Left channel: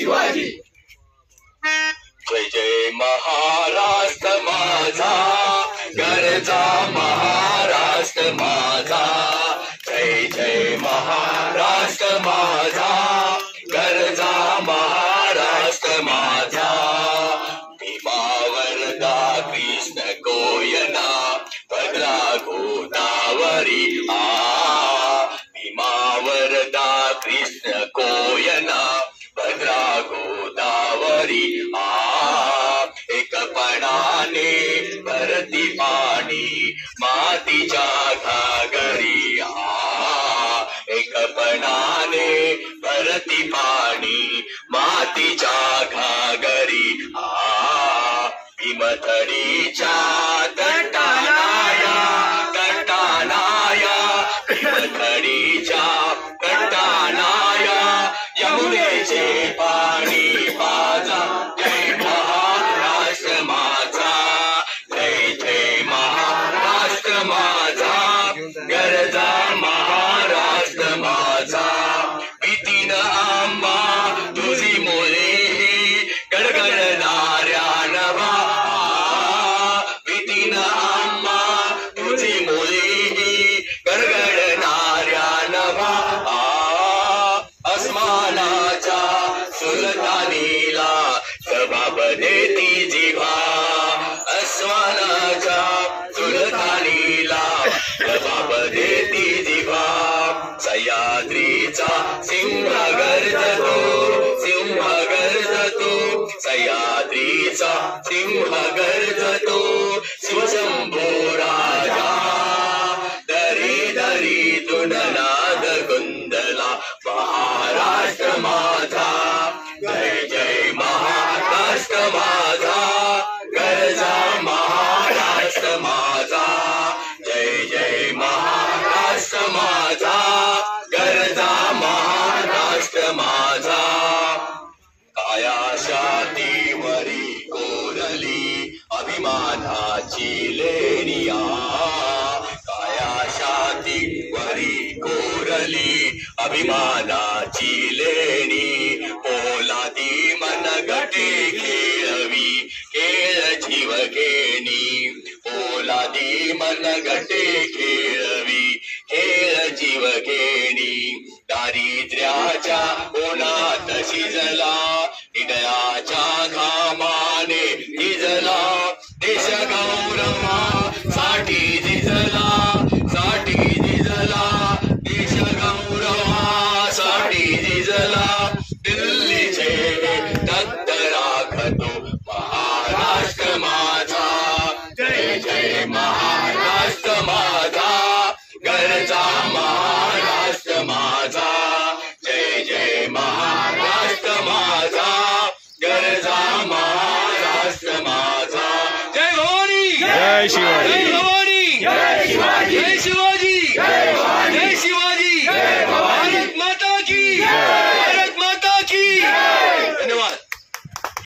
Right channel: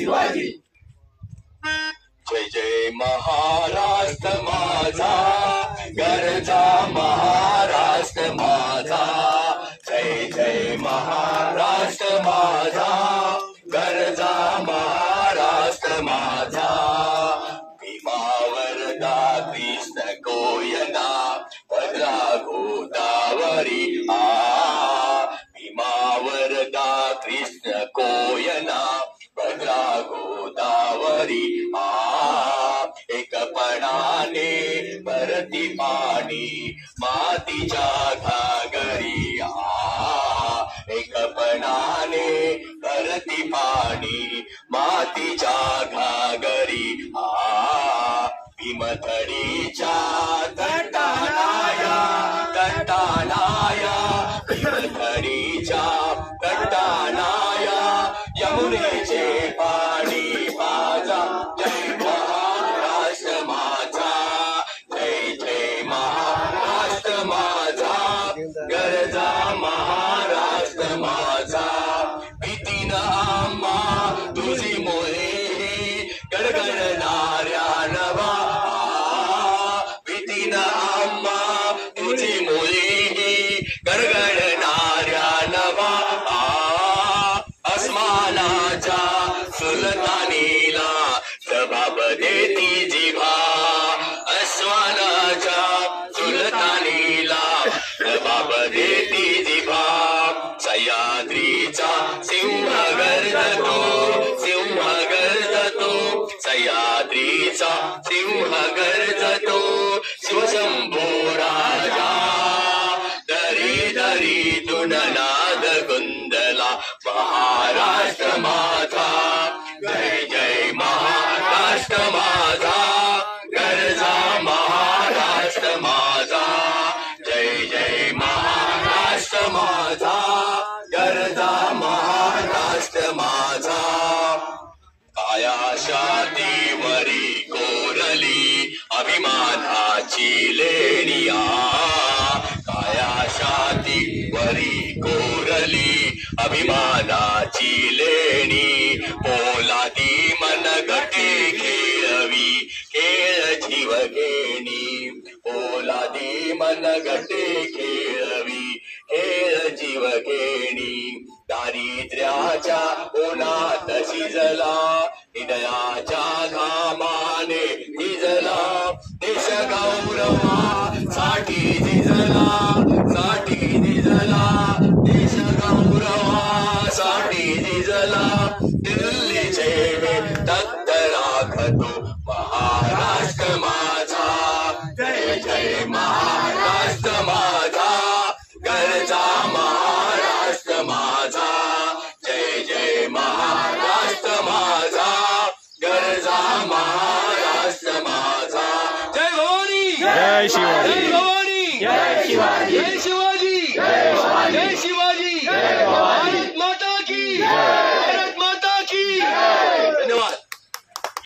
शिवाजी. जय जय महाराष्ट्र माझा, गरजा महाराष्ट्र माझा. जय जय महाराष्ट्र माझा, गरजा महाराष्ट्र माझा. भीमावरदा कृष्ण कोयना, भद्रा गोदावरी भीमावरदा कृष्ण कोयना, भद्रा गोदावरी एकपणाने भरती पाणी मातीच्या घागरी. एकपणाने भरती पाणी मातीच्या घागरी. भीमथडीच्या तटानाया तटानाया, भीमथडीच्या तटानाया यमुनेचे पाणी पाजा. जय महाराष्ट्र माझा, जय जय महाराष्ट्र माझा, गरजा महाराष्ट्र माझा. भीतीन आंबा तुझी मोहे गडगडणाऱ्या नभा. भीतीन आंबा तुझी मोहे गडगडणाऱ्या नभा. अस्मानाच्या सुलतानीला जबाब देती जिभा. अस्मानाच्या सुलतानीला जबाब देती जिभा. सह्याद्रीचा सिंह गर्जतो, सिंह गर्जतो. सह्याद्रीचा सिंह गर्जतो, शिवशंभो राजा. दरी दरीतून नाद गुंदला महाराष्ट्र माझा. जय जय महाराष्ट्र माझा, गरजा महाराष्ट्र माझा. जय जय महाराष्ट्र माझा, गरजा महाराष्ट्र माझा. कायाशातीवरी कोरली अभिमानाची लेणिया. कायाशातीवरी कोरली अभिमानाची लेणी. पोलादी मनगटे खेळवी खेळ जीवघेणी. पोलादी मनगटे खेळवी खेळ जीवघेणी. दारिद्र्याच्या उन्हात शिजला, हृदयाच्या घामाने झिजला. देश गौरवासाठी झिजला, साठी झिजला. देश गौरवासाठी झिजला. दिल्लीचे तत्त राखतो महाराष्ट्र माझा. जय जय महाराष्ट्र माझा, गरजा महाराष्ट्र माझा. जय जय महाराष्ट्र माझा, गरजा महाराष्ट्र माझा. जय भवानी, जय शिवाजी, जय भवानी, जय शिवाजी. जय शिवाजी.